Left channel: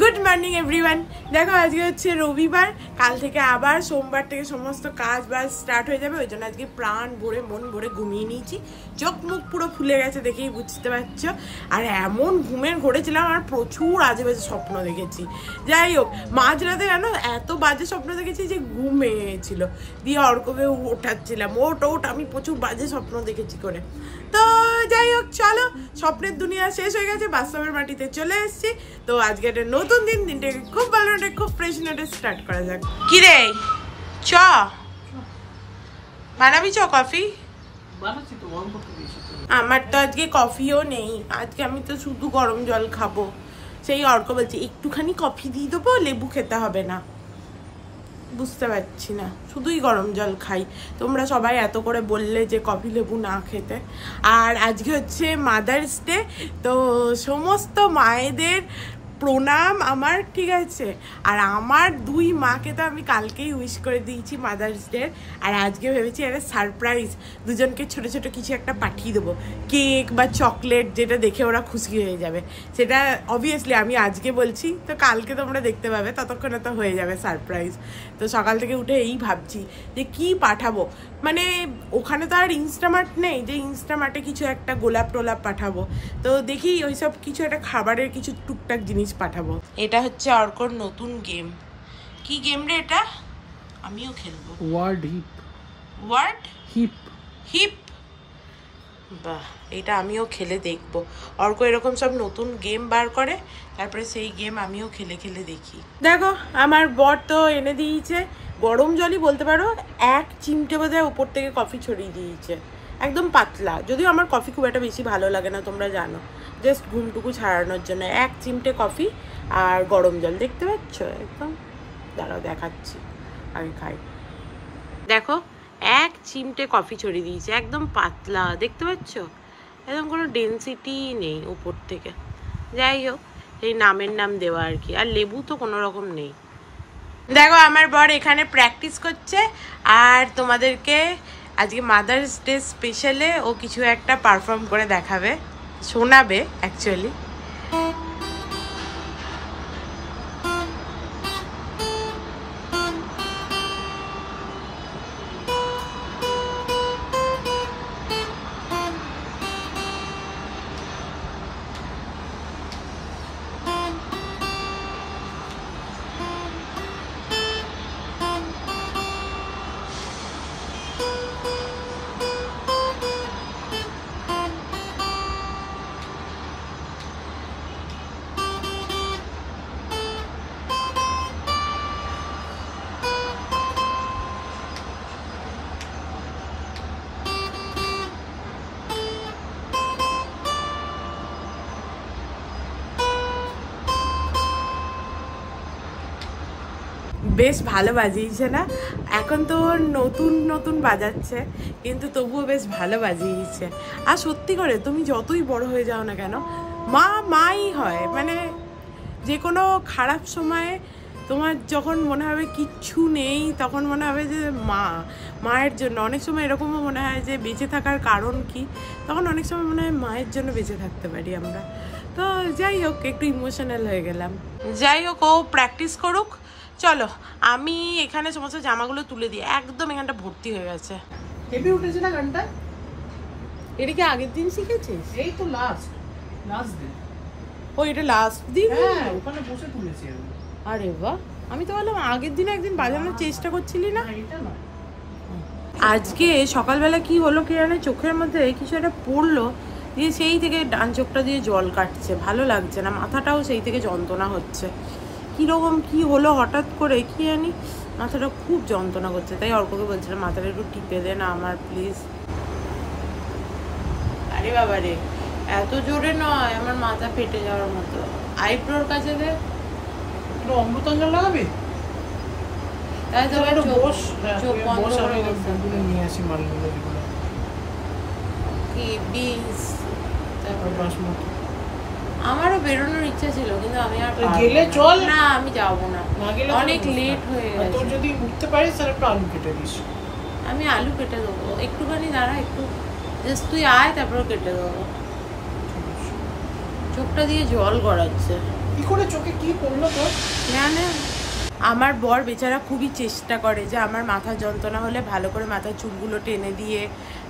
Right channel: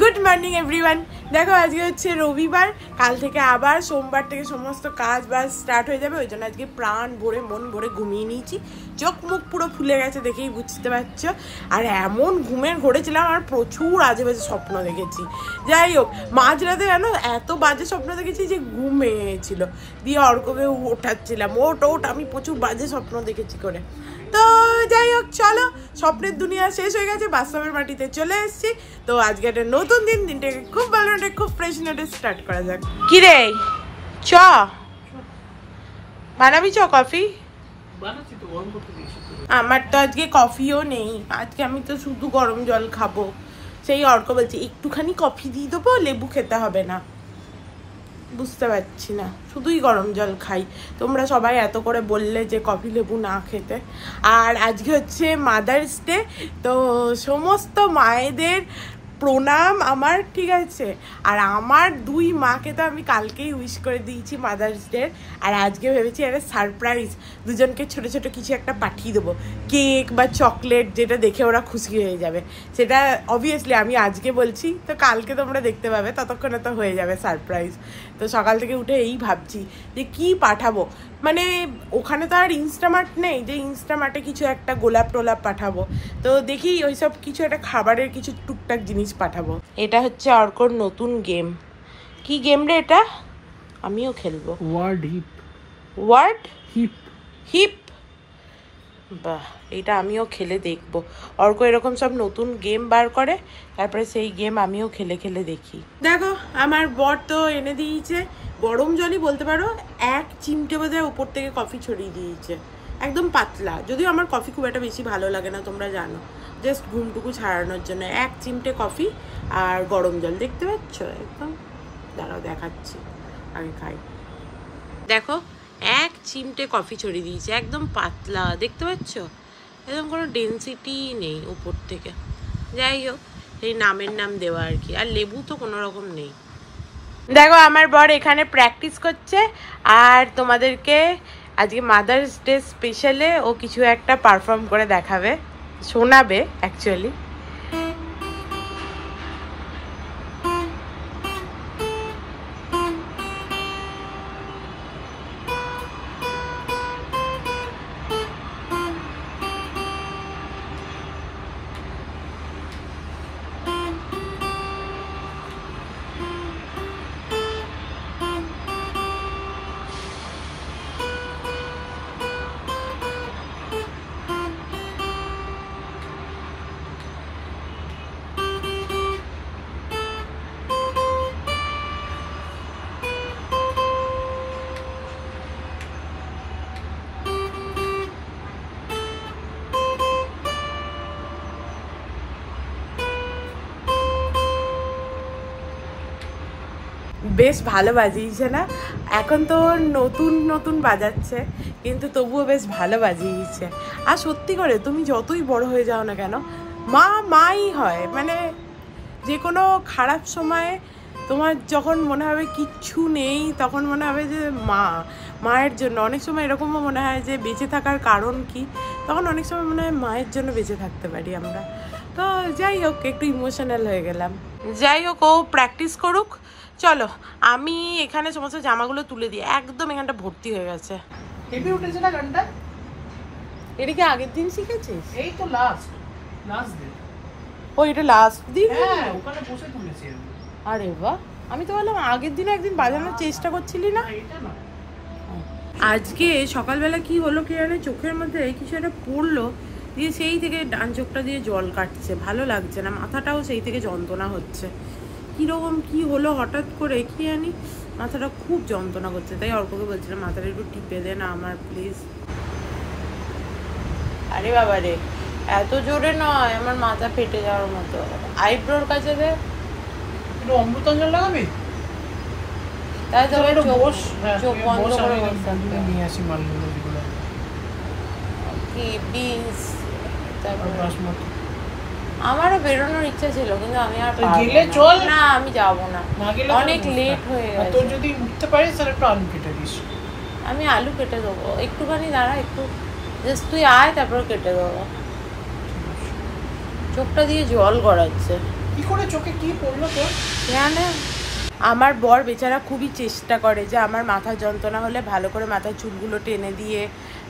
Good morning everyone. দেখো আজকে হচ্ছে রবিবার, কাল থেকে আবার সোমবার থেকে সমস্ত কাজ বাজ স্টার্ট হয়ে যাবে। ওই জন্য আজকে প্রাণ ভরে মন ভরে ঘুমিয়ে নিয়েছি। চোখ মুখ পুরো ফুলে গেছে, দেখেই বুঝতে পারছো। আর এমন ঘুমের ঘুরেছিলাম আর প্রচুর আজে বাজে স্বপ্ন দেখেছি। যাই হোক, মাঝরাতে জানো এত বাজে স্বপ্ন দেখেছি যে ঘুমিয়েছিল, দিয়ে অর্ককে ওঠাচ্ছিলাম, ওট আমি প্রচুর বাজে স্বপ্ন দেখেছি করে। তো যাই হোক, চলো, স্বপ্নের দুনিয়া শেষ হয়ে গেছে, বাস্তবের মাটিতে চলে এসেছি। তো আজকে একটা নতুন দিন, দিনটাকে খুব ভালো নোটে খুব ফ্রেশ নোটে স্টার্ট করা যাক। কি রে, চ বানাবি? চ কফি আমার তো আজকে কফিও নেই, আজকে আমি তো শুধু গরম জল খাবো। সেই অর্ক বলছে একটুখানি কফি দিয়ে দেবো, লেবু খেতে হবে না। বুঝতে পারছি না, শুধুই গরম জল খাই। তোমরা সবাই এত করে বললে যে কফি লেবু না খেতে। আর আজকে হচ্ছে মাদার্স ডে, তো সমস্ত মায়েদের প্রণাম আমার, ঠিক আছে। আর আমার দুই মাকে তো আমি কালকেই উইশ করে দিয়েছি মাদার্স ডে। আর আজকে ভেবেছি একটা সারপ্রাইজ, দুজনকে ছোট ছোট কিছু একটা পাঠিয়ে দেবো, কেক বা চকলেট, যেটা দেখে ওরা খুশি হয়ে যাবে। সেটা অবভিয়াসলি আমি আজকে বলছি, তো কালকে তোমরা দেখতে পাবে, ততক্ষণে তো হয়ে যাবে সারপ্রাইজ। তো সকাল থেকে উঠে এই ভাবছি যে কি পাঠাবো। মানে ওখানে তো আর ইনস্টামার্ট নেই যে ইনস্টামার্টে কিছু একটা গোলাপ টোলাপ পাঠাবো। তো দেখি ওইসব কিছু একটা খাবারের কিছু টুকটাক জিনিস পাঠাবো। এটা হচ্ছে অর্কর নতুন গেম। কি গেম রে এটা? আমিও খেলবো। Word hip hip. বাহ, এটা আমিও খেলে দেখবো। অর্ক এরকম সব নতুন গেম বার করে, তারপরে সেই গেম আমিও খেলে খেলে দেখি। দেখো আমার বর তো এনে দিয়েছে গরম জলই বলতে পারো, 1 চিমটে বোধহয় উপর থেকে কফি ছড়িয়ে দিয়েছে, একদম পাতলা। যদিও আমার কফি খুব একটা বেশি ভালো লাগে না, তোমরা জানো, জাস্ট ঘুমটুকু ছাড়ানোর জন্য 1 চিমটে কফি আর গরম জল। দেখতে পাচ্ছ একদম? দাঁড়াও দেখাচ্ছি, আগে খাই। দেখো 1 চিমটে কফি ছড়িয়ে দিয়েছে, একদম পাতলা, দেখতে পাচ্ছ? একদম কোনো ডেন্সিটি নেই উপর থেকে। যাই হোক, এই নামের নাম দেওয়া আর কি। আর লেবু তো কোনো রকম নেই। দেখো আমার বর এখানে প্র্যাকটিস করছে, আর তোমাদেরকে আজকে মাদার্স ডে স্পেশালে ও কিছু একটা পারফর্ম করে দেখাবে, শোনাবে অ্যাকচুয়ালি। বেশ ভালো বাজিয়েছে না? এখন তো নতুন নতুন বাজাচ্ছে, কিন্তু তবুও বেশ ভালো বাজিয়েছে। আর সত্যি করে তুমি যতই বড় হয়ে যাও না কেন, মা মাই হয়। মানে যে কোনো খারাপ সময়ে তোমার যখন মনে হবে কিচ্ছু নেই, তখন মনে হবে যে মায়ের জন্য। অনেক সময় এরকমও মনে হয় যে বেঁচে থাকার কারণ কি, তখন অনেক সময় মনে হয় মায়ের জন্য বেঁচে থাকতে পারি আমরা। তো যাই হোক, একটু ইমোশনাল হয়ে গেলাম। যাই হোক, ও প্র্যাকটিস করুক। চলো আমি এখানে সমস্ত জামাগুলো তুলে দিই, একদম এখানটা ভর্তি হয়ে গেছে। হেভি উঠেছে না গানটা? এটা কি আগের দিন শিখেছিস? এই তো লাস্ট দিন। ও এটা লাস্ট দিন? হ্যাঁ, ওখানে বসে তুলেছি আমি। আরে বাহ, আমি তো বললাম আগের দিন একদিন বাজানোর চেষ্টা করছিলি না? এটা না, আজকে সকালবেলা কি হলো কি জানে, চোখের মধ্যে কিছু একটা পড়লো, দিয়ে সেই থেকে ডান চোখটা দিয়ে জল কাটছে, ভালো লাগছে না, মাথাটাও সেই থেকে যন্ত্রণা হচ্ছে। কিরকম কি হলো হঠাৎ করে কি জানি, মাথাটা খুব যন্ত্রণা করছে। তাই অর্ককে বলছিলাম মাথাটা একটু টিপে দে না আমার প্লিজ। আরে বাবা রে, এত জোরে নয়, আমার মাথা ফেটে যাওয়ার মতো। আইব্রোর কাছে দে, একটু অমৃতাঞ্জল লাগাবি? তাই তো চোখ বন্ধ করে বসে নিয়ে আসি মালগুলো, যেগুলো কি বিনস, তারপর বাসমতি। আমারও বেরোনোর ইচ্ছা ছিল, কিন্তু আমি আর গেলে চল না, আমি যাবো না, অনেক লেট হয়ে গেছে। তোর যদি উঠতে পারিস তাহলে একটু আলু কেটে দিস। আমি আলু কেটে দেবো, একটুখানি দাঁড়া, একটু জাস্ট তুই আয়, তারপর কেটে দেবো। চোখটা দিয়ে জল গড়াচ্ছে। কি করে চোখে কি পড়লো তোর? জানে আমার বর বেচারা খুবই চেষ্টা করে যে আমার মাথার যন্ত্রণা হলে ভালো করে মাথার চুলগুলো টেনে দিয়ে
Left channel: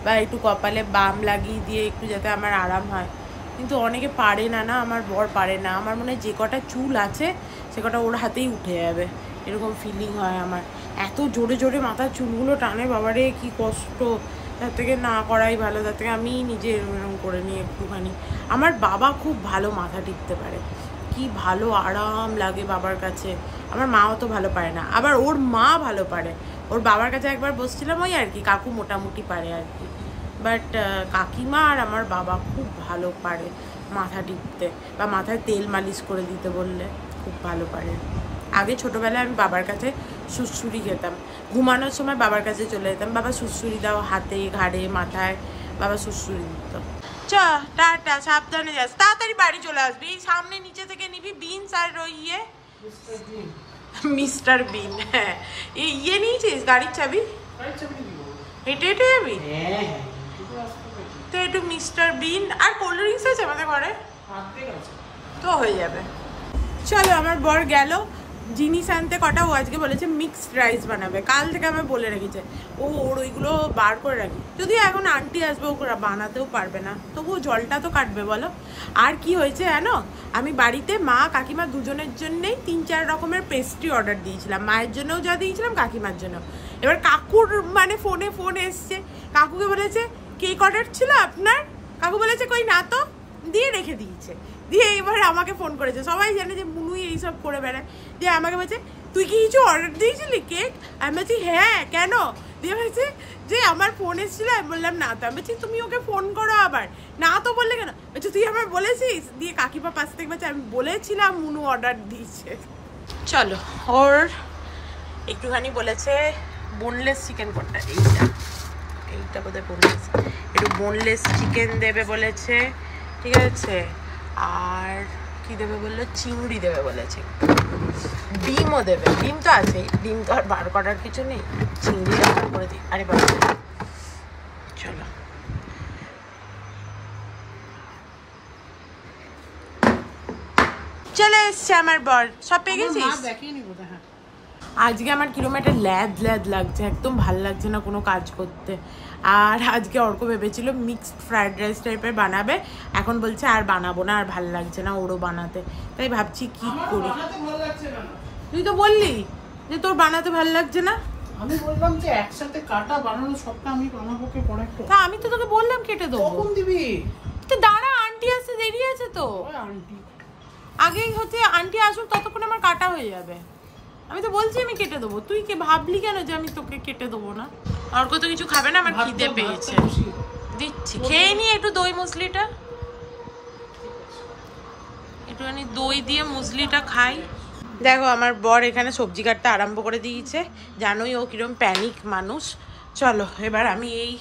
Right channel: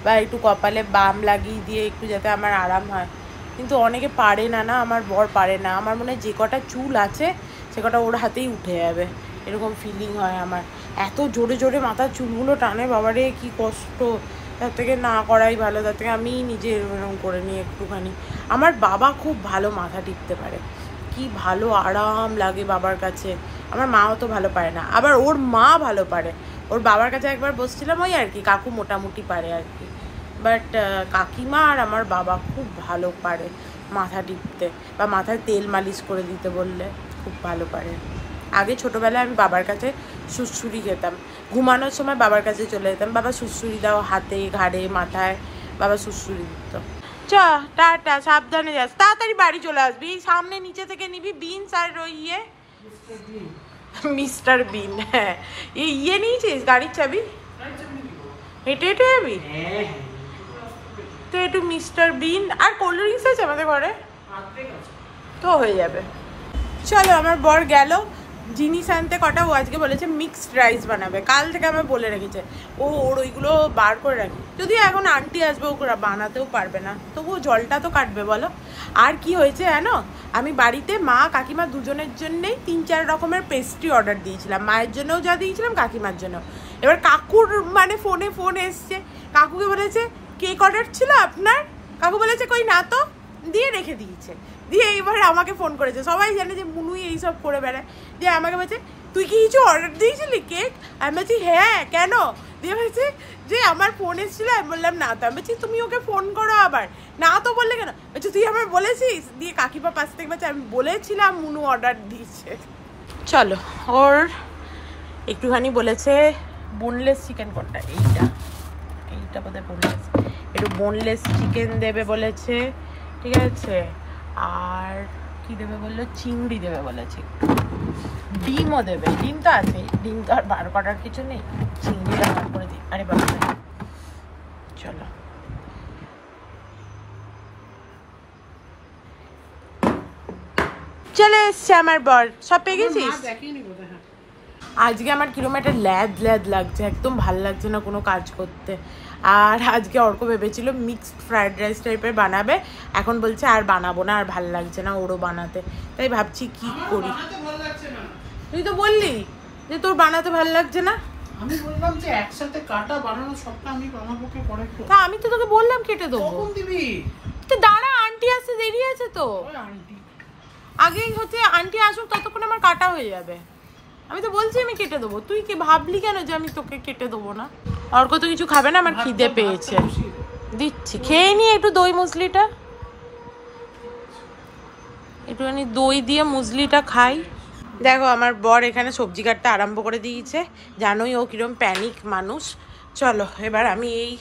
বা একটু কপালে বাম লাগিয়ে দিয়ে একটু যাতে আমার আরাম হয়, কিন্তু অনেকে পারে না। না, আমার বর পারে না। আমার মনে হয় যে কটা চুল আছে সে কটা ওর হাতেই উঠে যাবে, এরকম ফিলিং হয় আমার। এত জোরে জোরে মাথার চুলগুলো টানে, বাবারে কি কষ্ট। তার থেকে না করাই ভালো, তার থেকে আমি নিজে এরকম করে নিই একটুখানি। আমার বাবা খুব ভালো মাথা টিপতে পারে, কি ভালো আরাম লাগে বাবার কাছে। আমার মাও তো ভালো পারে না, আবার ওর মা ভালো পারে। ওর বাবার কাছে একবার বসছিলাম, ওই আর কি কাকু মোটামুটি পারে আর কি, বাট কাকিমা আর আমার বাবা খুব ভালো পারে মাথা টিপতে, বা মাথায় তেল মালিশ করে দিতে বললে খুব ভালো পারে। আগে ছোটবেলায় আমি বাবার কাছে সুড়সুড়ি খেতাম, ঘুমানোর সময় বাবার কাছে চলে যেতাম, বাবা সুড়সুড়ি দাও হাতে ঘাড়ে মাথায়, বাবা সুড়সুড়ি দিত। চ টাটা, সাবধানে যাস, তাড়াতাড়ি বাড়ি চলে আসবি। সামনে নিচে থেকে নিবি বিনস আর ওই মিস্টার বিন। হ্যাঁ, ইয়ে নিয়েছিস গাড়ির চাবি? হেঁটে হেঁটে যাবি তো? একটু মিস্টার বিন আর কোল্ড ড্রিঙ্কস আছে আমাদের ঘরে তো হয়ে যাবে। চলো, আমার বর গেল জিনিস আনতে। কটা ও আজকে বলেছে মিক্সড রাইস বানাবে, কাল থেকে আমার বলে রেখেছে। ওর ওইগুলো বার করে রাখি, যদি এখন আন্টি আসবে ও বানাতেও পারবে না, তবুও জলটা তো কাটবে বলো। আর কি হয়েছে জানো, আমি বাড়িতে মা কাকিমা দুজনের জন্যই 3-4 রকমের পেস্ট্রি অর্ডার দিয়েছিলাম, মায়ের জন্যও যা দিয়েছিলাম কাকিমার জন্য। এবার কাকুর মানে ফোন এসছে, কাকুকে বলেছে কেক অর্ডার ছিল আপনার? কাকু বলেছে কই না তো, দিয়ে রেখে দিয়েছে। দিয়ে এবার আমাকে ফোন করেছে, সবাই জানে যে মুনুই এইসব করে বেড়ায়। দিয়ে আমাকে বলছে তুই কি কিছু অর্ডার দিয়েছিলি কেক? আমি বলছি হ্যাঁ, কেন? দিয়ে বলছে যে আমার ফোন এসেছিল। আমি বললাম না তো। আমি বলছি তুমি ওকে ফোন করো আবার। না তো বললে কেন? বলছি তুই আমার বলেছিস। দিয়ে কাকিমা পাশ থেকে বলছে আমি বলেছিলাম মুনু অর্ডার দিয়েছে। চলো, ওর একটুখানি বলেছে বোনলেস চিকেন কোনটা, এইটা বোধহয় বোনলেস, একটু বোনলেস চিকেন দেবে বলেছে, ঠিক আছে। আর কি দেবে বললো, চিংড়ি দেবে বলেছে, ডিমও দেবে। ডিম তো আছে, ডিম তো আর বার করার কিছু নেই, চিংড়িটা বার করে দিই। আরে বাবা, চলো। চলে এসছে আমার বর, সব পেয়ে গেছিস? আজকে আমার কিরকম একটা ল্যাদ লাগছে, একদম ভাল লাগছে না কোনো কাজ করতে। আর আজকে অর্ক ভেবেছিল মিক্সড ফ্রাইড রাইস টাইপের বানাবে, এখন বলছে আর বানাবো না, আর ভাল লাগছে না ওরও বানাতে। তাই ভাবছি কি করি। তুই তো বললি যে তোর বানাতে ভাল লাগছে না। আমি বললাম যে একসাথে কাটা বানানো সবটা আমি বানাবো কি পরে। তা আমি তো তোকে বললাম কেটে দেবো। কখন দিবি? তো দাঁড়া, আন্টি আসতে দেরি আছে তো। আন্টি আগেই হচ্ছে আন্টি আসুক, ততক্ষণ আমার কাটা হয়ে যাবে। আমি তো বলছি আমি কেটে দেবো, তুই কি ভাবলি কেন যে আমি তোকে কেটে দেবো না? অর্ক তো কিছু খাবে না, আমার খিদে পেয়েছে। দিচ্ছি, খেয়ে নি একটু দই মুসলিটা, একটুখানি দই দিয়ে মুসলিটা খাই। দেখো আমার বর এখানে সবজি কাটতে আরম্ভ করে দিয়েছে, জানোই ও কিরম প্যানিক মানুষ। চলো এবার আমি এই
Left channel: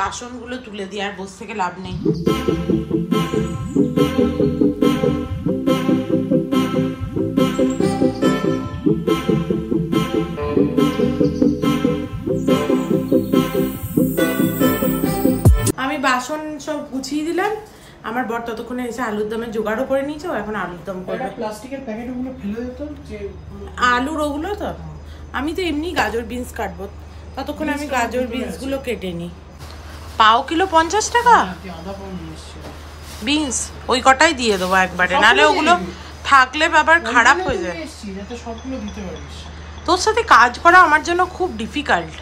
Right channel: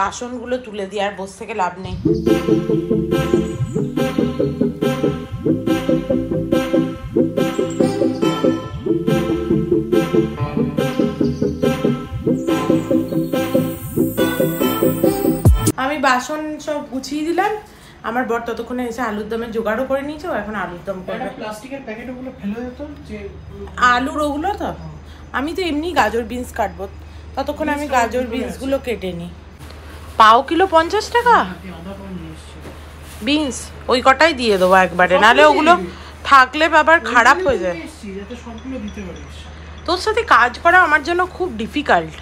বাসনগুলো তুলে দিই, আর বসে থেকে লাভ নেই। আমি বাসন সব গুছিয়ে দিলাম, আমার বর ততক্ষণে এসে আলুর দমের জোগাড়ও করে নিয়েছে, ও এখন আলুর দম করবে। প্লাস্টিকের প্যাকেটগুলো ফেলে দিত যে আলুর ওগুলো তো, আমি তো এমনি গাজর বিনস কাটবো, ততক্ষণে আমি গাজর বিনস গুলো কেটে নিই। পাও কিলো 50 টাকা বিনস, ওই কটাই দিয়ে দেবো একবারে, নাহলে ওগুলো থাকলে আবার খারাপ হয়ে যায়। তোর সাথে কাজ করা আমার জন্য খুব ডিফিকাল্ট।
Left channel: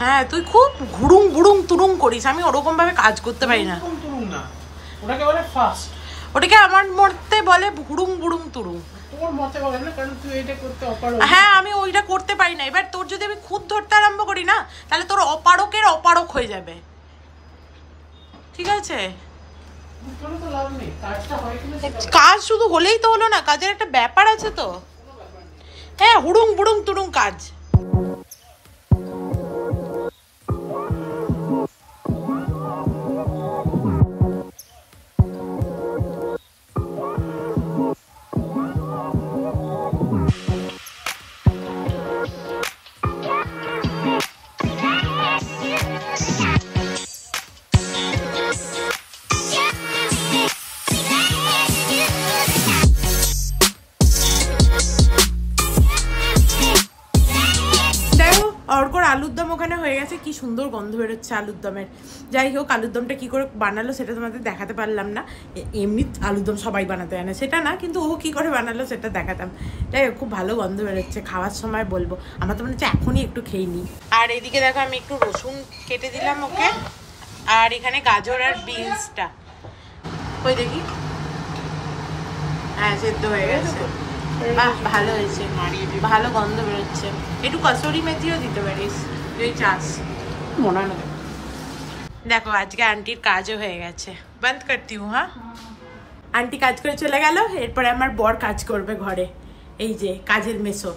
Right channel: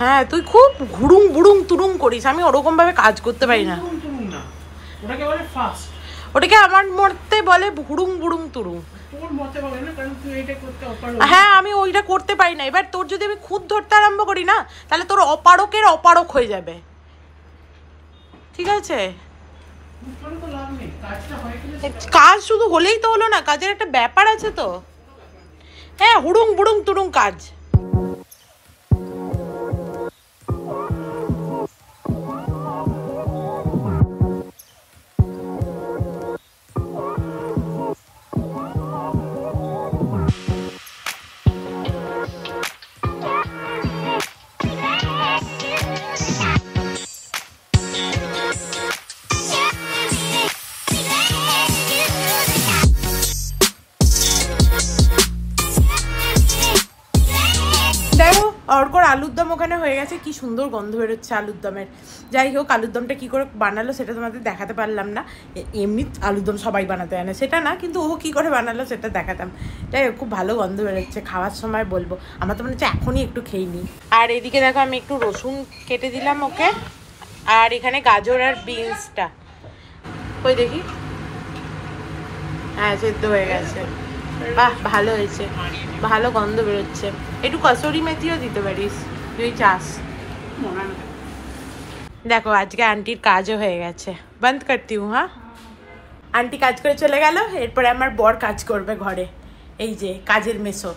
হ্যাঁ, তুই খুব ঘুরুং বুড়ুং তুরুং করিস, আমি ওরকম ভাবে কাজ করতে পারি না। ওটাকে আমার মতে বলে ঘুরুং বুড়ুং তুরুং। হ্যাঁ, আমি ওইটা করতে পারি না। এবার তোর যদি আমি খুদ ধরতে আরম্ভ করি না, তাহলে তোর অপারকের অপারক হয়ে যাবে, ঠিক আছে? কাজ শুধু হলেই তো হলো না, কাজের একটা ব্যাপার আছে তো। হ্যাঁ, হুড়ুং বুড়ুং তুরুং কাজ। অর্কর আলুর দম ওখানে হয়ে গেছে, কি সুন্দর গন্ধ বেরোচ্ছে আলুর দমের। যাই হোক, আলুর দমটা কি করে বানালো সেটা তোমাদের দেখাতে পারলাম না। এমনি আলুর দম সবাই বানাতে জানে সেটা না, কিন্তু ও কি করে বানালো সেটা দেখাতাম। যাই হোক, খুব ভালো গন্ধ বেরোচ্ছে, খাওয়ার সময় বলবো। আমার তো মনে হচ্ছে এখনই একটু খেয়ে নিই। আর এদিকে দেখো আমি একটু রসুন কেটে দিলাম ওকে, আর এখানে গাজর আর বিনসটা ওই দেখি, হ্যাঁ সেদ্ধ হয়ে গেছে। বাহ, ভালো হয়েছে, ভালো গন্ধ বেরোচ্ছে। একটু কসুরি মেথিও দিতে পারিস তুই চাস, মনে হয় না। দেখো আজকে আন্টির কাজও হয়ে গেছে। বন্ধ করতি হুঁ। হ্যাঁ, আন্টি কাজ করে চলে গেল, এরপরে আমার বর কাজ করবে ঘরে। এই যে কাজের মেসো।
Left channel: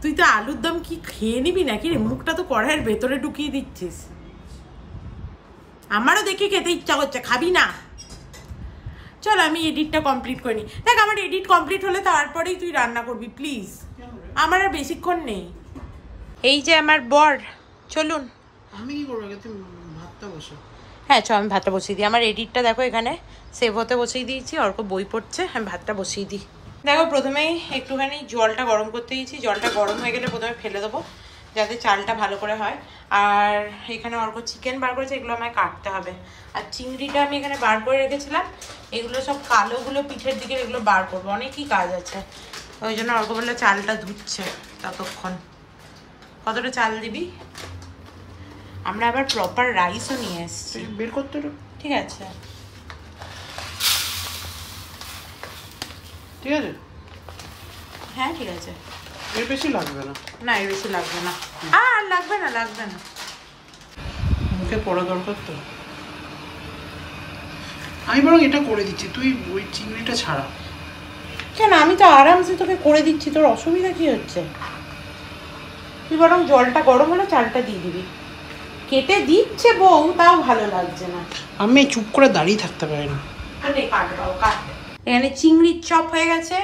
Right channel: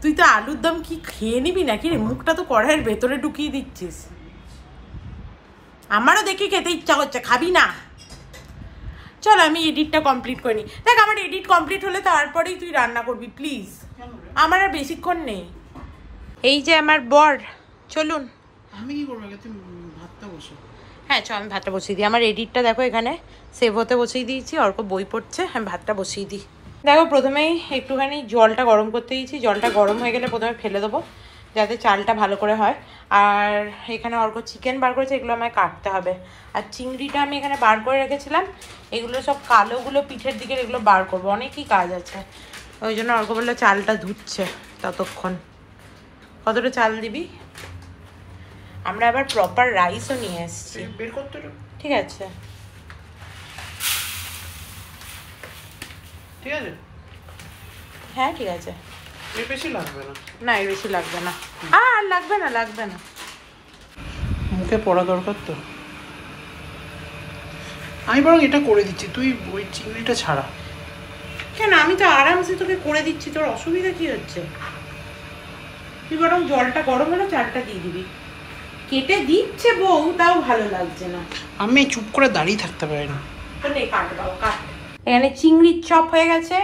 তুই তো আলুর দম কি খেয়ে নিবি নাকি রে? মুখটা তো কড়াইয়ের ভেতরে ঢুকিয়ে দিচ্ছিস। আমারও দেখি খেতে ইচ্ছা করছে, খাবি না? চল আমি এডিটটা কমপ্লিট করিনি। দেখ, আমার এডিট কমপ্লিট হলে তারপরেই তুই রান্না করবি প্লিজ, আমার আর বেশিক্ষণ নেই। এই যে আমার বর, চলুন। আমি কি করবো? তুমি ভাতটা বসো। হ্যাঁ চল, আমি ভাতটা বসিয়ে দিই। আমার এডিটটা দেখো এখানে সেভ হতে বসিয়ে দিয়েছি, অর্ক বই পড়ছে, আমি ভাতটা বসিয়ে দিই। দেখো প্রথমেই একটুখানি জলটা গরম করতে দিয়েছি, জলটা গরম হয়ে গেলে প্রথমে ফেলে দেবো যাতে চালটা ভালো করে হয়। আর এখানে অর্ক চিকেন বার করেছে, এগুলো আমায় কাটতে হবে। আর চিংড়িটা আমি এখানে বার করে রেখেছিলাম, এগুলো সব কালোগুলো পিঠের দিকে, এগুলো বার করবো, অনেকই কাজ আছে। ওই জন্য অর্ক বললে চালটা ধুচ্ছে ততক্ষণ। কতটা চাল দিবি? আমরা আবার প্রপার রাইসও নিয়ে এসেছি, বের করতে। ঠিক আছে ঠিক আছে, হ্যাঁ ঠিক আছে। এর বেশি লাগবে না। না, এর বেশি লাগবে না। আর লাগবে না, লাগবে না। মুখে পড়া দরকার তো। আমি বরং এটা করে দিচ্ছি, তুই ওই চিংড়িটা ছাড়া। কেন? আমি তো আরামসে তোকে করে দিচ্ছি, তোর অসুবিধা কি হচ্ছে? তুই বরং জলটা গরম হলে চালটা দিয়ে দিবি। কেটে দিচ্ছে বউ, তাও ভালো লাগছে না। আমি চুপ করে দাঁড়িয়ে থাকতে পারি না। এখানে চিংড়ির চপ হয়ে গেছে,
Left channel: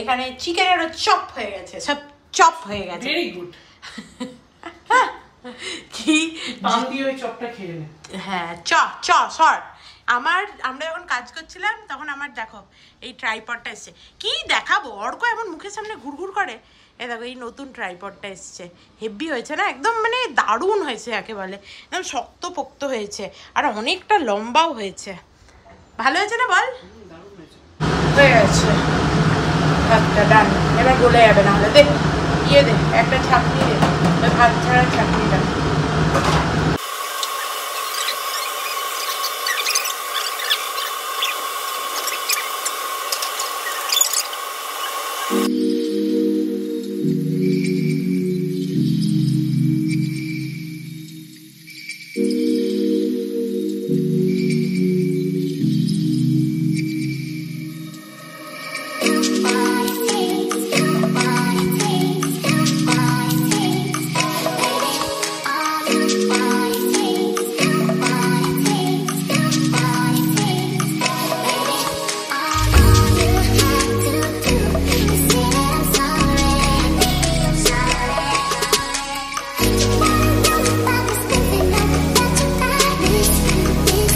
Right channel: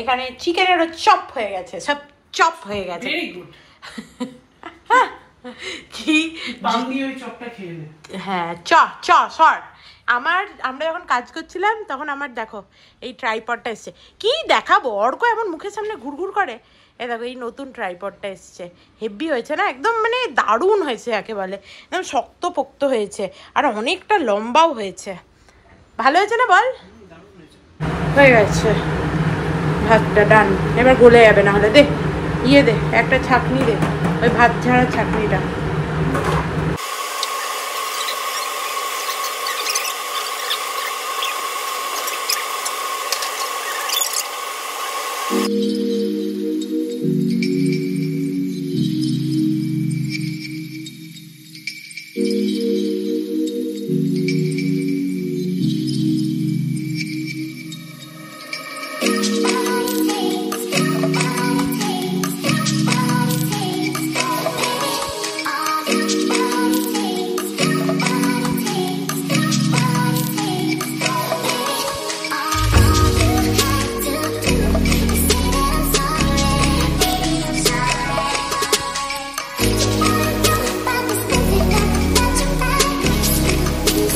এখানে চিকেনেরও চপ হয়ে গেছে, সব চপ হয়ে গেছে। Very good. কি পান দিয়ে ওই চপটা খেয়ে নে। হ্যাঁ, সর। আমরা যখন কাজ করছিলাম তখন আমার দেখো এই ট্রাইপডটা এসছে। কি দেখাবো, অর্ক এমন মুখের সামনে ঘুরঘুর করে। এই দেখো এই নতুন ট্রাইপডটা এসছে, হেভি হয়েছে না? একদম মানে দারুণ হয়েছে, একেবারে একদম শক্ত পোক্ত হয়েছে, আর অনেকটা লম্বাও হয়েছে। ভালো হয়েছে না বল? হয়ে গেছে ভাতটা, এবার গলে যাবে না হলে। দেখ দে একটা ছাঁকনি দে, ওই ভাত ছাড়া ছাঁকনিটা।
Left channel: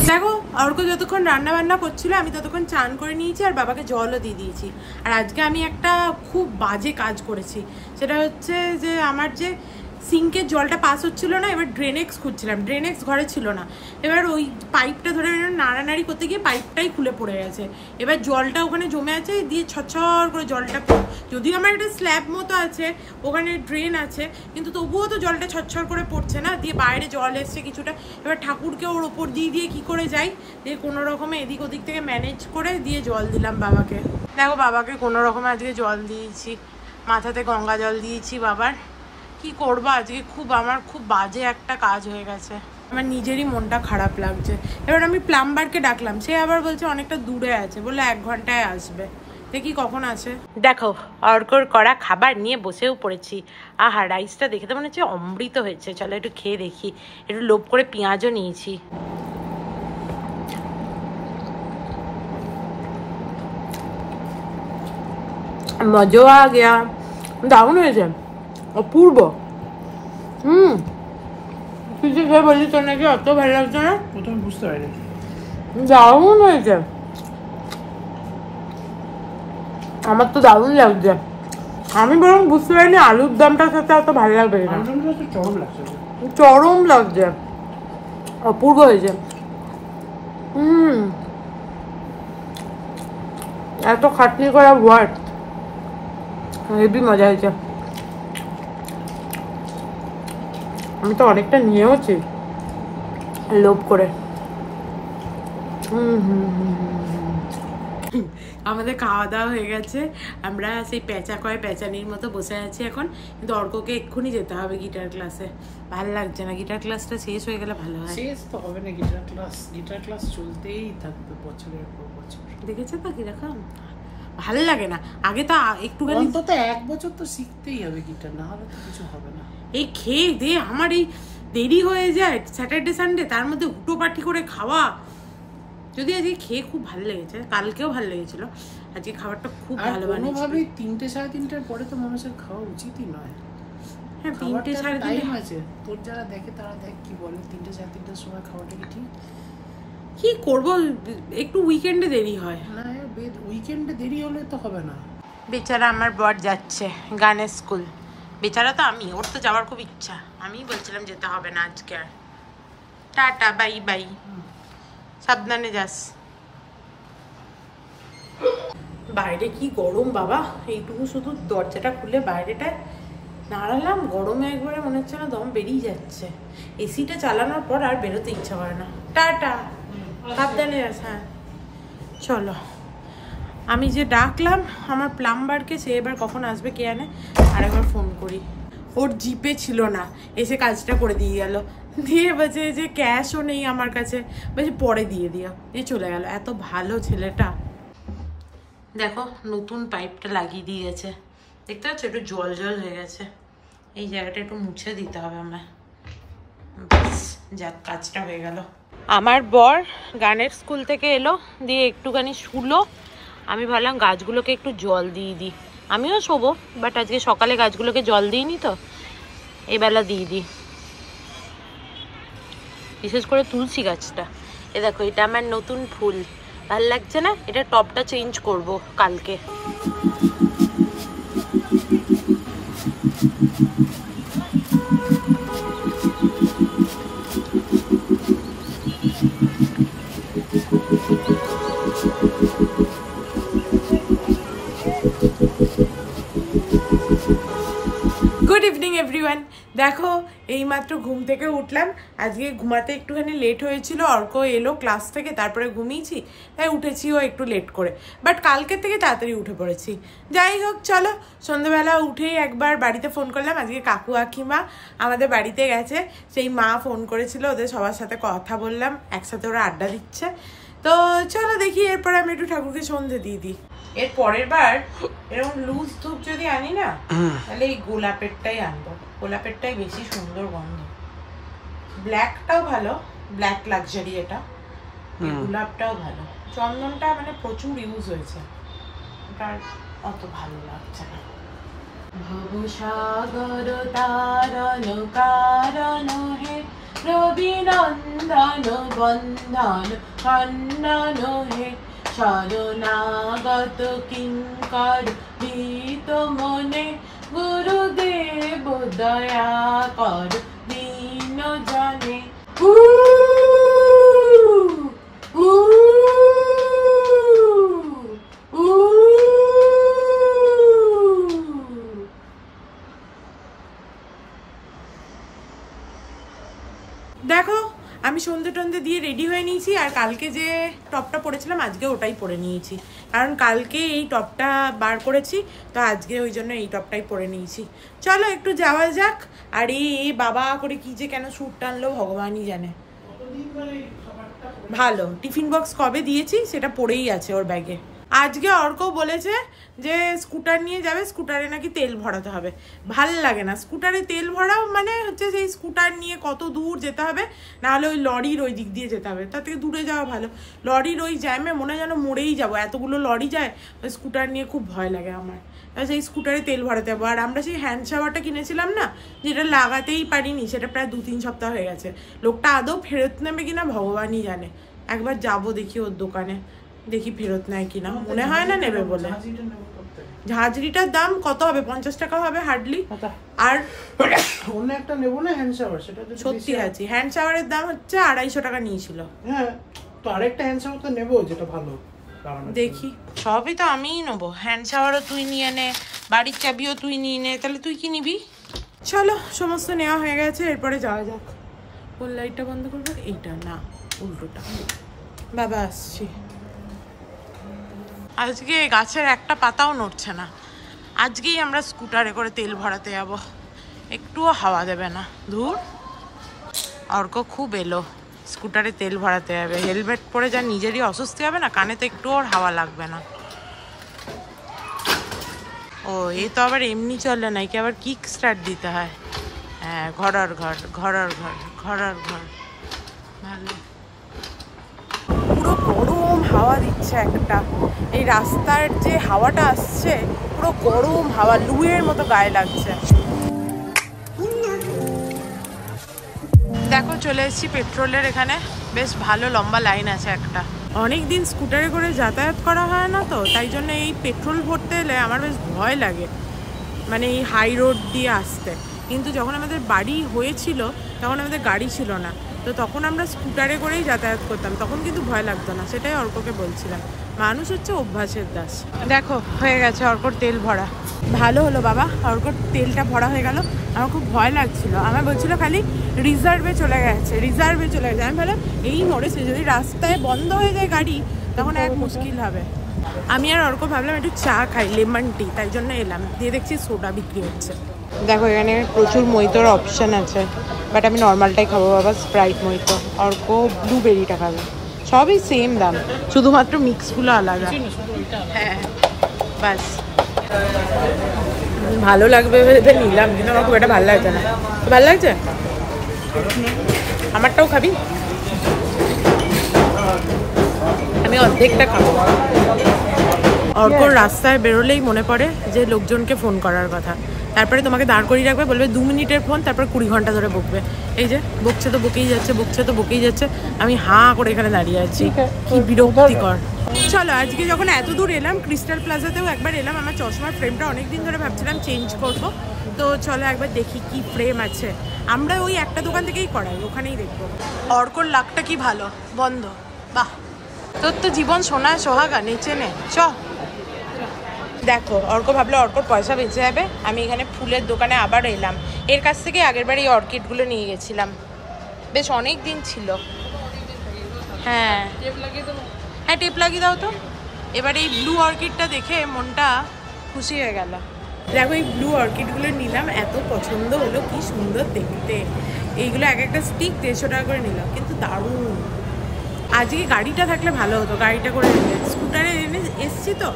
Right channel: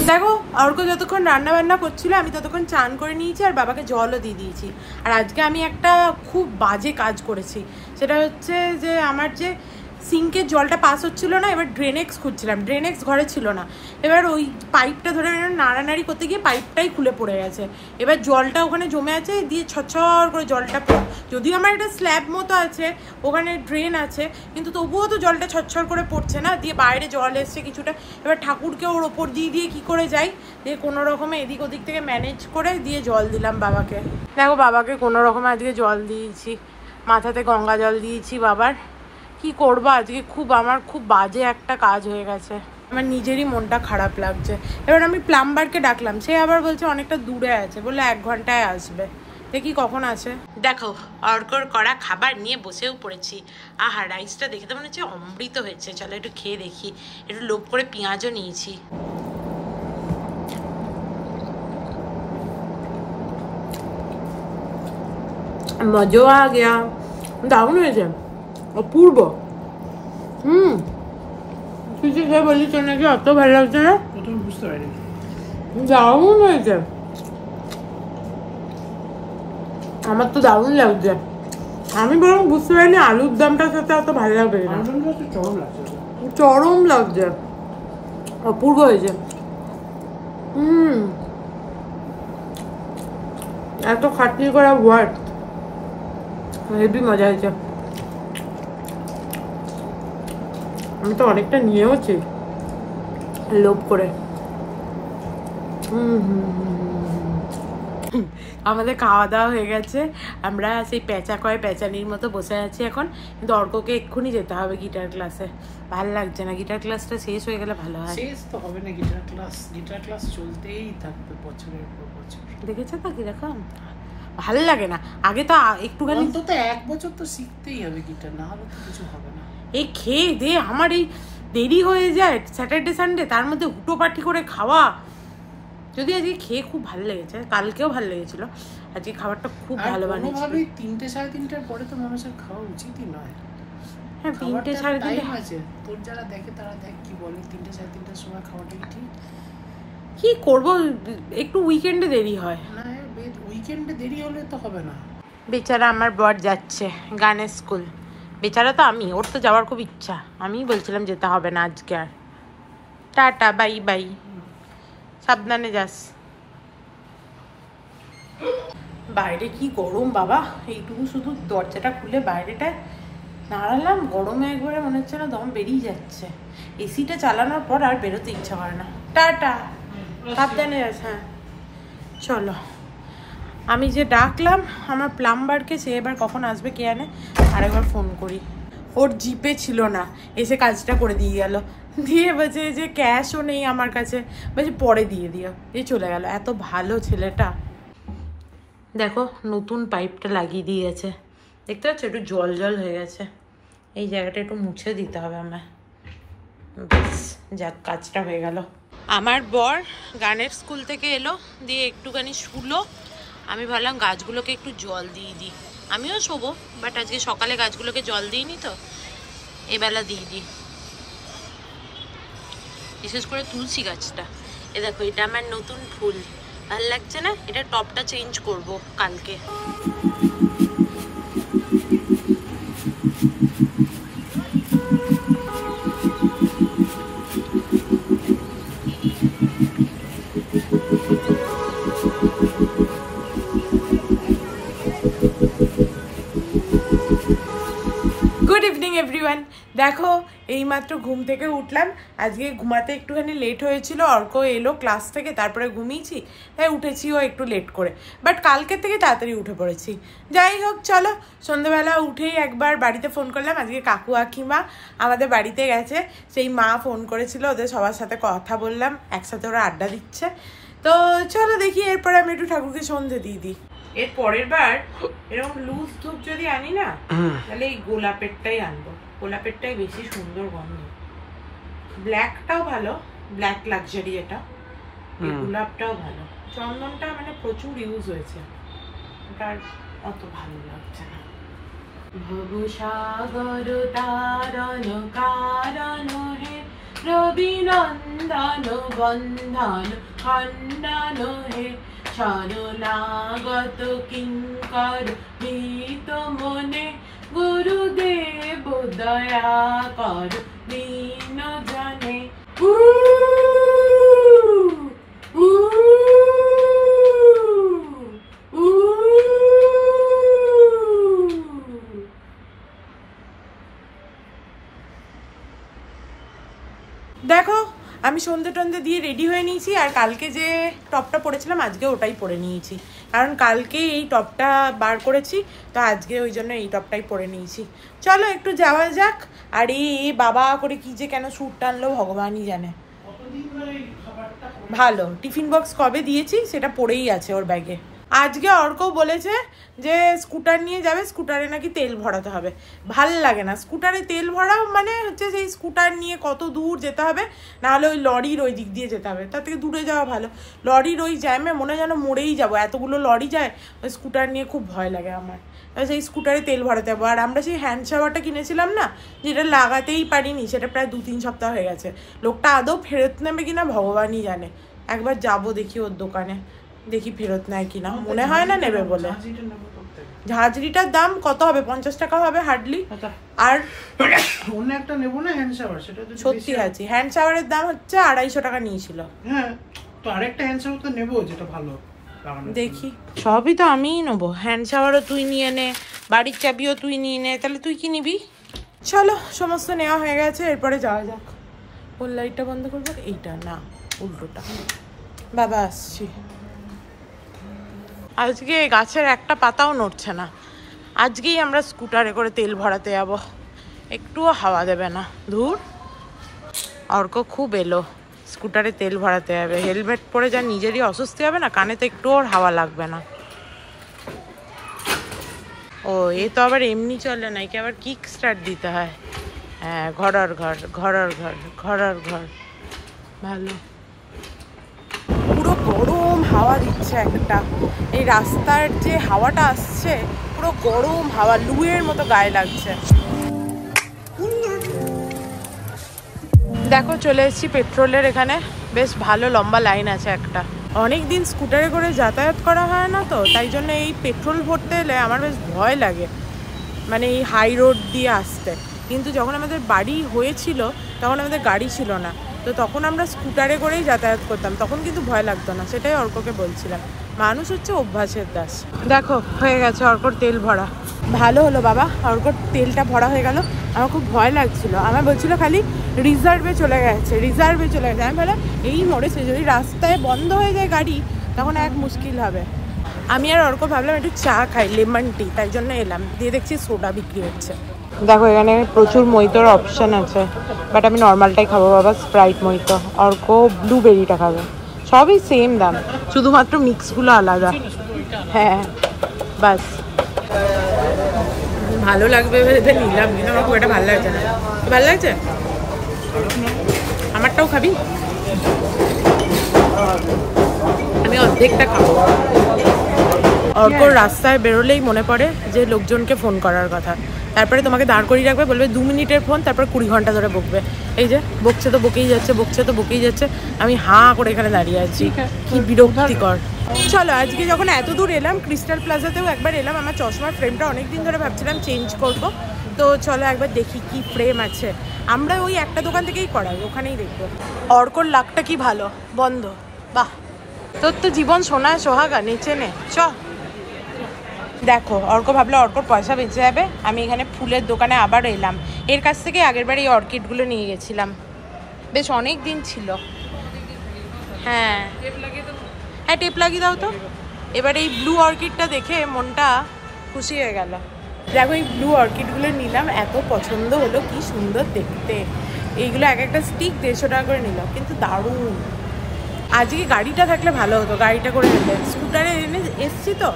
দেখো অর্ক যতক্ষণ রান্না বান্না করছিল আমি ততক্ষণ চান করে নিয়েছি, আর বাবাকে জলও দিয়ে দিয়েছি। আর আজকে আমি একটা খুব বাজে কাজ করেছি, সেটা হচ্ছে যে আমার যে সিঙ্কের জলটা পাস হচ্ছিল না, এবার ড্রেনেক্স খুঁজছিলাম, ড্রেনেক্স ঘরে ছিল না। এবার ওই পাইপটা ধরে নাড়ানাড়ি করতে গিয়ে পাইপটাই খুলে পড়ে গেছে। এবার জলটা ওখানে জমে আছে, দিয়ে ছচ্ছর করে জলটা, যদিও আমার একটা স্ল্যাব মতো আছে, ওখানে ড্রেন আছে, কিন্তু তবুও তো জলটা ছচ্ছর করে পড়ছে না, দিয়ে বাইরে জল এসছে কিছুটা। এবার ঠাকুরকে ওর ওপর দিয়ে কি করে যাই, দিয়ে কোনো রকমে এদিক ওদিক থেকে ম্যানেজ করে দিয়ে জল দিলাম বাবাকে। দেখো বাবাকে কোনো রকমে আজকে জল দিয়েছি, মাথাতে গঙ্গা জল দিয়েছি বাবার। কি করবো আজকে, আমার খুব বাজে একটা কাজ হয়ে গেছে, আমার নিজেরই মনটা খারাপ লাগছে। এবার আমি প্লাম্বারকে ডাকলাম, সে আবার বলছে অনেকটা দূরে আছে, বলে 1 ঘন্টায় আসবে। দেখি কখন আসে। দেখো অর্কর করা খাবার নিয়ে বসেও পড়েছি। আহা, রাইসটা দেখে তো মনে হচ্ছে অমৃত হয়েছে। চলো একটু খেয়ে দেখি। একটু লোভ করে পেঁয়াজও নিয়েছি। মজা আ গিয়া, দারুণ হয়েছে, অপূর্ব। তুই যে বললি তোর নাকি অত ভালো লাগছে না, প্রথমে বুঝতে পারিনি। দারুণ হয়েছে, আমার তো দারুণ লাগছে। আমি বরং বুঝতে পারিনি আলুর দমটার সাথে অত ভালো লাগবে না। চরম লাগছে, অপূর্ব হয়েছে। এত খাটনি করা ওয়ার্ড, হেবি মজা হয়েছে। আমি তো অনেকটা নিয়েওছি লোভ করে। আমাদের খাওয়া দাওয়া হয়ে গেছে, আমরা সেই প্যাচানির মতো বসে আছি এখন। কিন্তু অর্ককে এক্ষুনি যেতে হবে গিটার ক্লাসে। ভালো লাগছে না, গিটার ক্লাসটা শেষ হয়ে গেলে ভালো হয়। শেষ তো হবে না, গিটার ক্লাস চলতেই থাকবে বছরের পর বছর। দেখেছো তো কিরকম ভালো লাগে না। আগে তো একটুখানি অন্তত 1 বছর তো শিখতেই হবে গিটার, না হলে তো কিছু হবে না। এই খেয়ে দে আমার এই দেরি হয়ে যায় স্যাটারডে সানডে, তার মধ্যে হুটো পাটি করে খাওয়া। যদি আজকে খেয়ে খুব ভালো লেগেছে, কালকেও ভালো লেগেছিল, আজকে খাবারটা খুব ভালো বানিয়েছে। কোনোভাবেই 3টে সাড়ে 3টার পরে তো মানুষের খাওয়া উচিতই নয়। হ্যাঁ 3টে সাড়ে 3টে আছে, তোর যারা দেখে তারা দেখ কি বলে 3টে সাড়ে 3টার সময় খাওয়াটা কি ঠিক? কি করবো, একটু উইকেন্ডে দেরি হয় না, উইকেন্ডে দেরি হলে তো হবে না। বেচারা আমার বর যাচ্ছে গানের স্কুল। বেচারা তো আমি, ওর তো যাওয়ার খুব ইচ্ছা, আমি বলছিলাম যেতে হবে না আজকে আর। টাটা, বাই বাই, সাবধানে যাস। বাইরে কি গরম বাবা, এইটুকু শুধু দরজাটা খুলে বাইরেটায় নাড়ালাম, গরমে একবারে মনে হচ্ছে না দম বেরিয়ে যাচ্ছে। এসিটা চালানোর পর আর বেরোতে ইচ্ছা করে না। টাটা, সাবধানে যাস। হ্যাঁ চলো, আমি যে ডাকলাম আমার প্লাম্বারকে, সে এবার কখন আসবে কে জানে, আরেকবার ফোন করি। ওর জিপে ছিল না, এসে কাজটা করে দিয়ে গেল, দিয়ে বলছে যে ক্যাশও নেই আমার কাছে, বলছে পরে দিয়ে দিও, দিয়ে চলে গেল। এত ভালো ছেলেটা। দেখো নতুন পাইপটা লাগিয়ে দিয়েছে, দেখতে পাচ্ছ একটু জল জল হয়ে গেছে, এই জায়গাটা একটু মুছে দিতে হবে আমার। ব্যাস, যাক কাজটা হয়ে গেল। আমার বর গানের স্কুল থেকে এলো, দিয়ে একটুখানি শুলো। আমি ভাবলাম গাছগুলোকে একটু জল দিয়ে দিই, আমিও শোবো, বাট আজকে সকালে গাছগুলোকে জল দিইনি তো, এবেলা দিয়ে দিই। বিশেষ করে তুলসী গাছটা, এ দেখো এটা আমার নতুন ফুল, ভাল লাগছে না? এটা টপটা চেঞ্জ করব কালকে। Good evening everyone. দেখো এইমাত্র ঘুম থেকে উঠলাম, আজকে ঘুমাতে একটুখানি লেট হয়েছিল, অর্ক এলো ক্লাস থেকে, তারপরে ঘুমিয়েছি, তাই উঠেছিও একটু লেট করে, বাট কালকের থেকে তাড়াতাড়ি উঠে পড়েছি। যাই হোক চলো, সন্ধ্যাবেলা উঠেই একবার বাড়িতে ফোন করলাম। আজকে কাকু কাকিমা আমাদের বাড়িতে গেছে, সেই মা ফোন করেছিল, ওদের সবার সাথে কথা বললাম, একসাথে ওরা আড্ডা দিচ্ছে। তো চলো দেখি, এরপরে আমি একটু ঠাকুরকে সন্ধে দিয়ে দিই। এর পরের বার এরকম লুজ ধূপ যদি আনি না, তাহলে এই গোলাপেরটাই আনবো, গোলাপেরটাই বেশি সুন্দর গন্ধ। ব্ল্যাকটাও ভালো, ব্ল্যাক লাক্সারি এটা, গোলাপটাও ভালো। চন্দনটা মানে প্রচুর ইউজ হয়েছে, ওটা অত ভালো লাগছে না। ভব সাগর তারণ কারণ হে, রবি নন্দন বন্ধন খণ্ডন হে, শরণাগত কিঙ্কর ভীত মনে, গুরুদেব দয়া কর দীন জনে। দেখো আমি সন্ধে টন্ধে দিয়ে রেডি হয়ে নিয়েছি, আর কালকে যে টপটা পরেছিলাম আজকে ওটাই পরে নিয়েছি, কারণ কালকে এই টপটা বার করেছি, তো আজকে ওই জন্য এই টপটাই পরে নিয়েছি। চলো একটু যাওয়া যাক। আর এই বাবা করে কি যে কেন স্যুট টানলো ভগবানই জানে। ভালো টিফিন বক্স কবে দিয়েছি সেটা পড়েই আছে ওর ব্যাগে। আজকে অর্ক বলেছে যে স্কুটার নিয়ে যাবে, স্কুটারে নাকি তেল ভরাতে হবে। ভাল লাগে না স্কুটারে তেল ভরাও, মানে হচ্ছে সেই স্কুটার নিয়ে কত দূর যেতে হবে, নাহলে ওই লরির ওই দিক দিয়ে যেতে হবে, তার থেকে দূরে যাওয়া ভালো। লরির ওই জ্যামে মনে যেন মরেই যাবো, এতগুলো লরি যায়, ওই স্কুটার নিয়ে খুব ভয় লাগে আমার। সেই স্কুটারে তেল ভরাতে যাবো। আর আমরা সেই হ্যান্ড শাওয়ারটা কিনেছিলাম না, যেটা লাগাতেই পারিনি, সেটা প্রায় 2-3 সপ্তাহ হয়ে গেছে। লোকটা আদৌ ফেরত নেবে কিনা ভগবানই জানে। একবার যাবো দেখি ওর দোকানে, দেখি ফেরত নেয় কিনা, মনে হয় না নেবে বলে। ঝাঁঝরিটার দাম কত হবে? 50 টাকা হবে হার্ডলি। আর অন্য একটা নেবো না হ্যান্ড শাওয়ার, সেটা সত্যি আছে হ্যান্ড শাওয়ারের দাম হচ্ছে 250 টাকা নিয়েছিল। হ্যাঁ, তো আরেকটা হ্যান্ড শাওয়ার তো নেবো, যেটা ভালো। দেখি, সবই তো আমিই নেবো। হ্যান্ড শাওয়ারও তুই নিয়ে নে, বাড়ির চাবিও তুই নিয়ে নে, তাহলে তুই কি নিবি? চলো, সমস্ত নেওয়া হয়ে গেছে, এরপরে যাওয়া যাক। কোন লাইটটা বন্ধ করবো? এইটা না, উল্টোটা। বাবা আসছি। আজকে গাছের একটা পাতাও নড়ছে না। আজকেই আমরা স্কুটারে করে তেল ভরাতে যাবো, একটুও হাওয়া দেবে না। ধুর, অর্ক খুব এলো, স্কুটারে তেল ভরাতে যাবে। হেলমেট পরে যা নিজেরই অস্বস্তি হবে না, কানে তো একটু ওর হাওয়া লাগবে না। ও, এ তো আবার এমনি চলে না, একে আবার কিক স্টার্ট দিতে হয়। হ্যাঁ, ঘরর ঘর ঘরর ঘর ঘরর ঘর। ভালো, পুরো গরম হাওয়া দিচ্ছে একটা। এই রাস্তার যে হাওয়াটা আসছে, পুরো গরম হাওয়া, লুয়ের মতো গায়ে লাগছে। দেখো, চলে এসেছি পেট্রোলের এখানে। বেশ ভালো লম্বা লাইন আছে একটা। অনেকদিন স্কুটারে করে যাতায়াত করা হয় না তো, তাই জন্য এই পেট্রোল ভরতে এলে আমার বেশ ভয় লাগে, মানে এই হাই রোড দিয়ে আসতে। কিন্তু যখন আমাদের বাড়ি হয়েছিল তখন আমাদের গাড়ি ছিল না, তো তখন আমরা স্কুটারে করেই যাতায়াত করতাম, তখন কিন্তু ভয় লাগতো না। সেটাই অর্ককে বলছিলাম, মানুষ হচ্ছে অভ্যাসের দাস। দেখো, হয়ে গেছে অর্কর তেল ভরা। ভালো হলো বাবা, অর্কর তেলটা ভরা হয়ে গেল। আমার খুব ভয় লাগছিল, আমার বলছিল খালি রিজার্ভে চলে গেছে, রিজার্ভে চলে গেছে। আমি ভাবলাম এই মরেছে, যদি রাস্তায় বন্ধ হয়ে যায় গাড়ি তখন এক মুশকিল হবে। আমি আর অর্ক ভাবলাম একটু চা খাই, লেমন টি, তাই জন্য এলাম। দিয়ে দেখছি সোডা বিক্রি হচ্ছে। দেখো, এখানে প্রচুর মইতোর অপশন আছে, বাট আমি নর্মালটাই খাবো বাবা, স্প্রাইট মইতো। অর্ক ব্লুবেরিটা খাবে। সবই সেম দাম, শুধুমাত্র মিক্সগুলো আলাদা। হ্যাঁ, বাস। ভালো লাগবে ভেবে নিলাম, কিন্তু আমার খুব একটা ভালো লাগছে না। ভালো লাগছে? আমারটাও খাবি? আমি অর্ধেকটা খাবো। অর্কর রাস্তায় বেরোলেই মনে পড়ে যে লোকজনকে ফোন করার কথা। তারপরে তোমাকে দাঁড় করিয়ে রাখবে, বলবে 2 মিনিটের ফোন, তারপর 20 ঘন্টা ধরে বকবে। এই যে বকছে তো বকেই যাচ্ছে, বকছে তো বকেই যাচ্ছে। আমি হাঁ করে এখানে দাঁড়িয়ে আছি, কি বিরক্তিকর। চলো, আজকে যখন এত দূর এলাম, ক্রিস্টাল প্লাজাতেও একবার এলাম। আমার চশমার ফ্রেমটা অনেকদিন ধরে ভাবছিলাম চেঞ্জ করব, তো চলো একবার দেখি কি ফ্রেম আছে। আমরা ওই একটা দোকান থেকেই করাই, ওখানেই দেখবো। অর্কর লাকটা কি ভালো, বন্ধ। বাহ, তোর তো জীবন সোনায় সোহাগা, নেচে নে। চ দেখো, অর্ক ভাবলো অর্কর পয়সা বেঁচে যাবে। আমি এখানে ফুলের দোকানে আবার এলাম। এর কাছ থেকে আগের বার এই অর্কিডগুলো নিয়ে গেছিলাম, বেশ অনেক দিন ছিল। হ্যাঁ হ্যাঁ, টেপ লাগিয়ে দাও তো। এবার এই ব্লু অর্কিডটা দেখে মনটা খুশি হয়ে গেল। দেখো, এই ব্লু অর্কিডগুলো নিলাম, এত পছন্দ হলো, কি সুন্দর দেখতে। এইগুলো এক একটা স্টিক 150 টাকা করে নিলাম, কিন্তু দারুণ। আজকে গাড়িটা থাকলে ভালো হতো, গাড়িটা করে এলে। স্কুটারে এনে এসছি তো,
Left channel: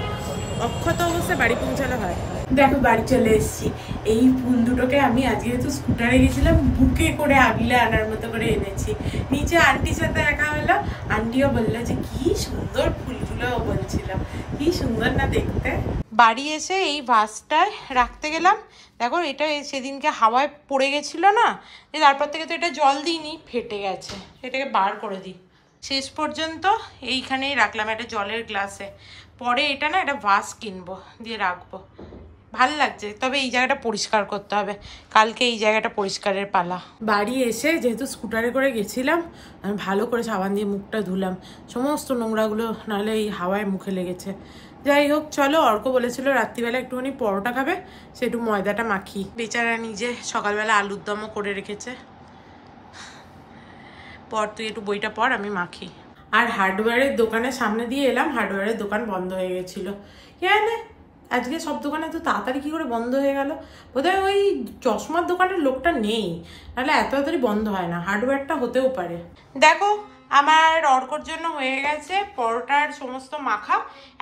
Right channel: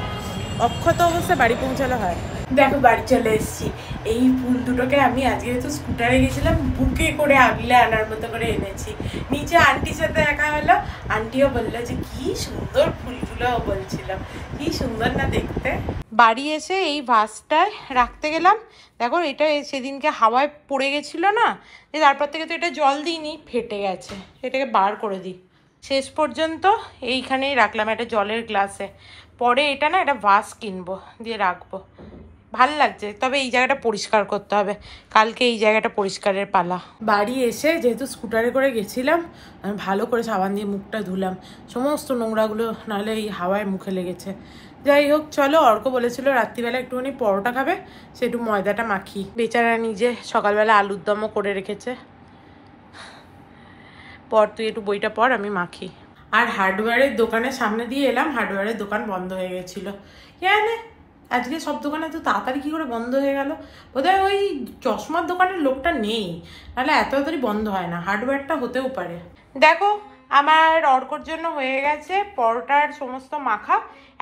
অক্ষত অবস্থায় বাড়ি পৌঁছালে হয়। দেখো, বাড়ি চলে এসেছি। এই ফুল দুটোকে আমি আজকে যেহেতু স্কুটারে গেছিলাম, বুকে করে আগলে আনার মতো করে এনেছি। নিচে আন্টির সাথে দেখা হলো, আন্টিও বললো যে কি সুন্দর ফুলগুলো, বলছিল কি সুন্দর না দেখতে। বাড়ি এসে এই ভাসটায় রাখতে গেলাম। দেখো, এটা সেদিনকে হাওয়ায় পড়ে গেছিল না, যে তারপর থেকে তো এটা জল দিইনি, ফেটে গেছে। এটাকে বার করে দিই। শেষ পর্যন্ত এইখানেই রাখলাম, একটা জলের গ্লাসে। পরে এটা না, এটা ভাস কিনবো, দিয়ে রাখবো। ভাল লাগছে, তবে এই জায়গাটা পরিষ্কার করতে হবে। কালকে এই জায়গাটা পরিষ্কারের পালা। বাড়ি এসে যেহেতু স্কুটারে করে গেছিলাম, আমি ভালো করে সাবান দিয়ে মুখটা ধুলাম, সমস্ত নোংরাগুলো, নাহলে এই হাওয়ায় মুখে লেগেছে। যাই হোক, চলো। অর্ক বলেছিল রাত্রিবেলা একটুখানি পরোটা খাবে, সে একটু ময়দাটা মাখি। বেচারা নিজে সকালবেলা আলুর দমও করে রেখেছে। পর, তুই একটু বইটা পড়, আমি মাখি। আর হার্ডওয়্যারের দোকানের সামনে দিয়ে এলাম, হার্ডওয়্যারের দোকান বন্ধ হয়ে গেছিল। জানে আজকে সব দোকানে তো তাড়াতাড়ি কি করে বন্ধ হয়ে গেল? বোধহয় ওই চশমার দোকানের লোকটা নেই, নাহলে এত তাড়াতাড়ি বন্ধ হয় না। হার্ডওয়্যারটা হতেও পারে। দেখো, আমার অর্কর জন্য হয়ে গেছে পরোটার সমস্ত মাখা।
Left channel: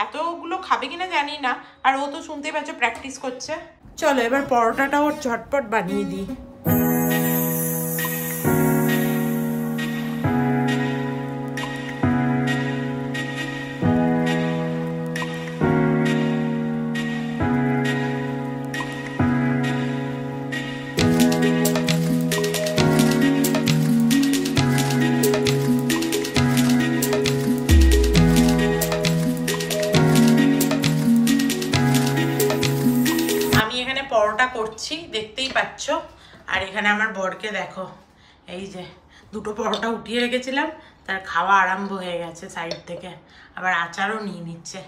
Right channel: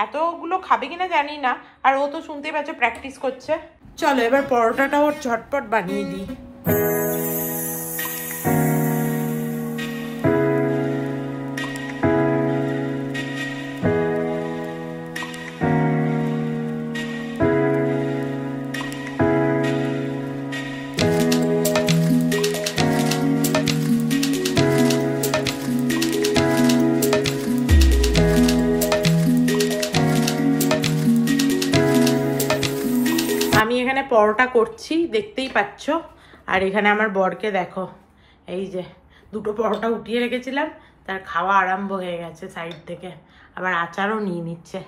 এতগুলো খাবে কিনা জানি না, আর ও তো শুনতেই পাচ্ছ প্র্যাকটিস করছে। চলো, এবার পরোটাটা ওর ঝটপট বানিয়ে দিই। পরোটা করছি, দেখতেই পাচ্ছ। আর এখানে আমার বরকে দেখো, এই যে দুটো পরোটা উঠিয়ে রেখেছিলাম, তার খাওয়া আরম্ভ হয়ে গেছে সাইড থেকে। আবার আচারও নিয়ে নিচ্ছে।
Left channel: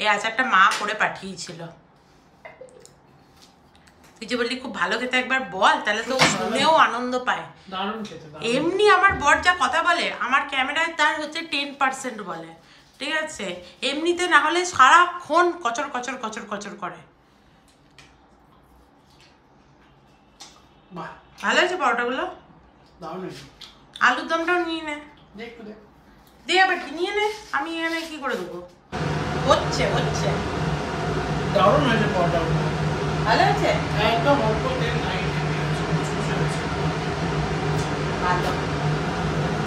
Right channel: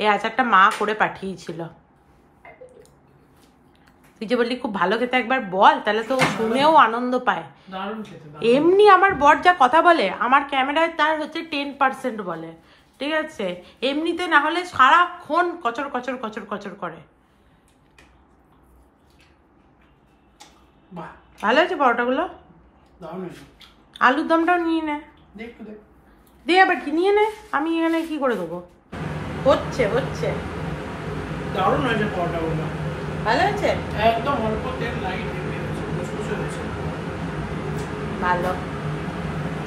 এই আচারটা মা করে পাঠিয়েছিল। তুই যে বললি খুব ভালো খেতে, একবার বল, তাহলে তো শুনেও আনন্দ পায়। এমনি আমার বর যা কথা বলে, আমার ক্যামেরায় তার হচ্ছে 10% বলে, ঠিক আছে? এমনিতে না হলে সারাক্ষণ কচর কচর কচর কচর করে। ভালো আছে পরোটাগুলো? আলুর দমটাও নিয়ে নে, দিয়ে আবার কি নিয়ে নে, আমি এখানে কি করে দেবো? হচ্ছে হচ্ছে দারুণ হয়েছে পরোটাগুলো। ভালো আছে, একদম অল্প তেল নাই, ভালো।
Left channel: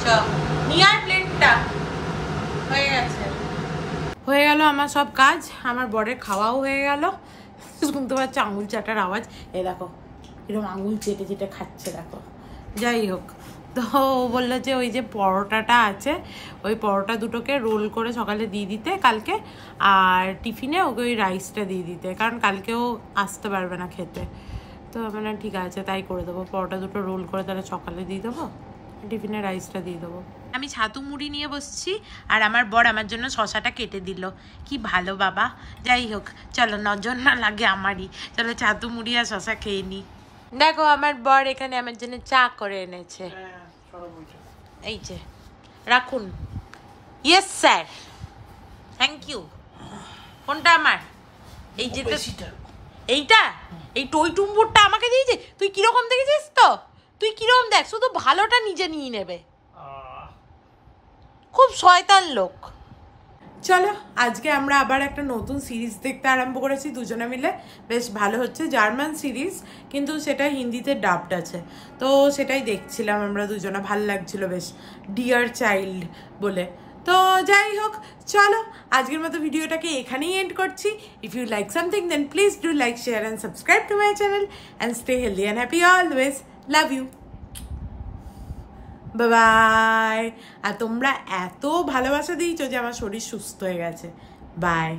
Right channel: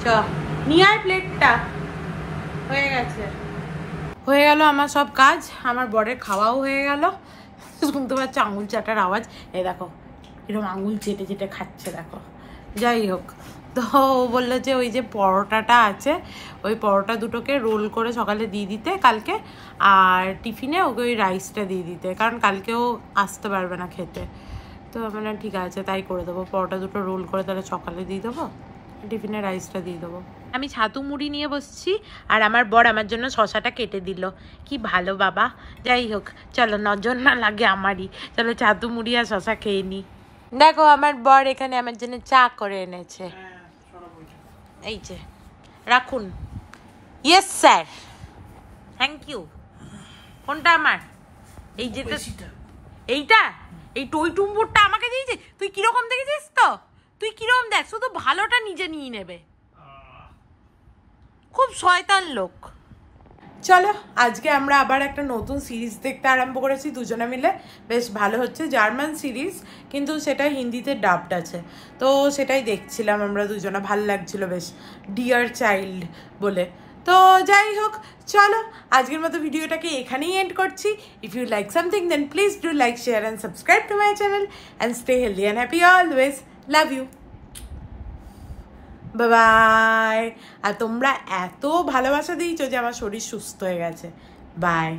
চ নিয়ে আয় প্লেটটা, হয়ে গেছে। হয়ে গেল আমার সব কাজ, আমার বরের খাওয়াও হয়ে গেল। শুনতে পাচ্ছ আঙুল চাটার আওয়াজ, এই দেখো এরকম আঙুল চেটে চেটে খাচ্ছে, দেখো। যাই হোক, তো বললো যে ওই যে পরোটাটা আছে, ওই পরোটা দুটোকে রোল করে সকালে দিয়ে দিতে কালকে, আর টিফিনে ওকে ওই রাইসটা দিয়ে দিতে, কারণ কালকেও আসতে পারবে না খেতে। তো মানে ঠিক আছে, তাই করে দেবো। পরোটা দুটো রোল করে তাহলে সকালে দিয়ে দেবো, টিফিনে রাইসটা দিয়ে দেবো। আমি ছাতু মুড়ি নিয়ে বসছি, আর আমার বর আমার জন্য শশাটা কেটে দিল। কি ভালো বাবা। যাই হোক, চলো নজর না লাগে আমারই, চলো ছাতু মুড়ি আর শশা খেয়ে নি। দেখো আমার বর এখানে আমার জন্য চা করে এনেছে, এই যে রাখুন। Yes sir, thank you. কোনটা আমার? এই যেটা, এইটা, এই টই টুম্বুরটা আমাকে দিয়েছে। তুই কিরকম দেখেছিস তো? তুই কিরকম দেখ, শুধু ভালোটা নিজে নিয়ে নেবে, খুব শয়তান লোক। চলো আজকে আমরা আবার একটা নতুন সিরিজ দেখতে আরম্ভ করেছি দুজনে মিলে, বেশ ভালো হচ্ছে। জার্মান সিরিজ, কিন্তু সেটা হিন্দিতে ডাবড আছে, তো সেটাই দেখছিলাম আমরা দুজনে, ভাল লাগছিল বেশ, ডিয়ার চাইল্ড বলে। তো যাই হোক, চলো আজকের মতো ভিডিওটাকে এখানেই এন্ড করছি। If you like something then please do like, share and subscribe to my channel and stay healthy and happy always. Love you, bye. আর তোমরা এত ভালোবাসা দিয়েছো যে আমার শরীর সুস্থ হয়ে গেছে। বাই।